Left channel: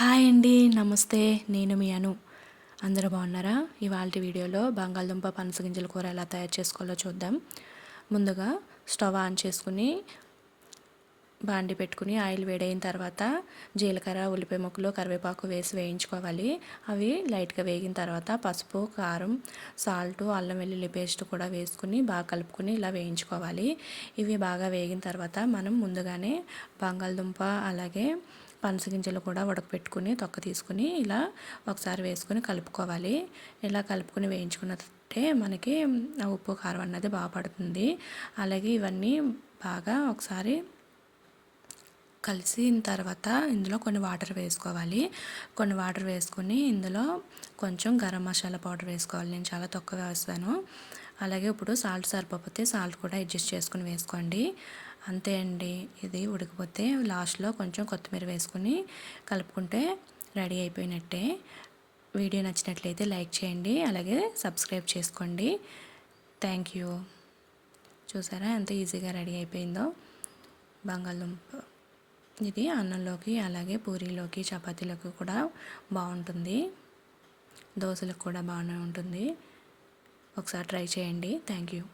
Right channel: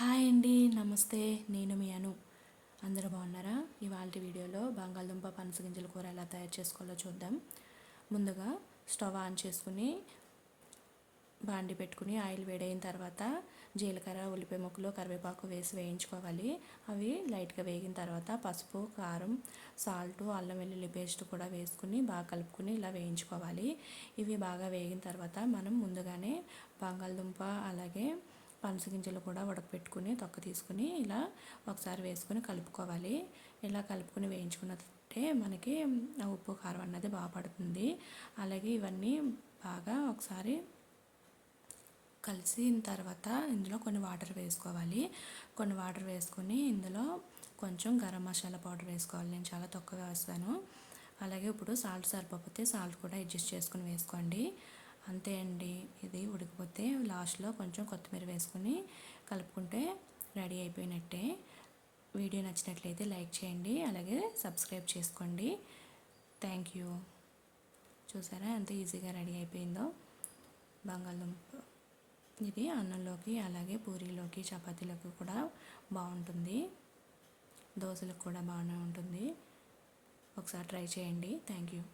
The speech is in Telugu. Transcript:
హాయ్ అండి. నమస్తే. నేను మీ అను. అందరూ బాగున్నారా? ఇవాల్టి వీడియోలో బంగాళదుంప పనసగింజల కూర ఎలా తయారు చేసుకోవాలో చూద్దాం. ముందుగా స్టవ్ ఆన్ చేసుకుని బాండి పెట్టుకుని ఆయిల్ వేడైన తర్వాత జీలకర్ర, ఉల్లిపాయ ముక్కలు, కరివేపాకు వేసి వేయించుకోవాలి. అవి లైట్గా వేగిన తర్వాత పసుపు, కారం, సాల్ట్, అల్లం వెల్లుల్లి పేస్ట్ కూడా వేసుకుని బాగా కలుపుకొని ఇలా వేయించుకోవాలి. ఇవి బాగా వేగిన తర్వాత మనం ముందుగానే బంగాళదుంప అలాగే పనసగింజలు కూడా ఉడకపెట్టుకుని తొక్క తీసుకుని ఇలా ఒకసారి వేసుకుని కలుపుకోవాలి. ఇలా కలుపుకొని వేయించుకున్నట్టే మనకి ఉప్పు కారం అన్నది బాగా పడుతుంది. అలాగే ఇవన్నీ బాగా ఒకసారి కలిసిన తర్వాత ఇందులో కొన్ని వాటర్ వేసుకోవాలి. కొన్ని వాటర్ వేసుకొని ఇందులో కొంచెం గరం మసాలా పౌడర్ వేసుకోవాలి. నేను చాలా తక్కువ వేస్తాను. అలాగే ఇప్పుడు సాల్ట్ సరిపోతే సాల్ట్ కూడా అడ్జస్ట్ చేసుకుని వేసుకోండి. అంతే అండి. ఇది ఉడికిపోతే లాస్ట్లో కొంచెం కొత్తిమీర వేసుకుని కలుపుకుంటే రెడీ అయిపోయినట్టే. వీడియో నచ్చినట్లయితే లైక్ చేయండి. అలాగే సబ్స్క్రైబ్ చేసుకోండి. Thank you. చూసారా ఎంత ఈజీగా రెడీ అయిపోయిందో బంగాళదుంప. ఇది అన్నంలోకి అలాగే పూరీలోకి చపాతీలోకి కూడా బాగుంటుంది. దోశలకు కూడా బాగానే ఉంటుంది. ఒకసారి ట్రై చేయండి. Thank you.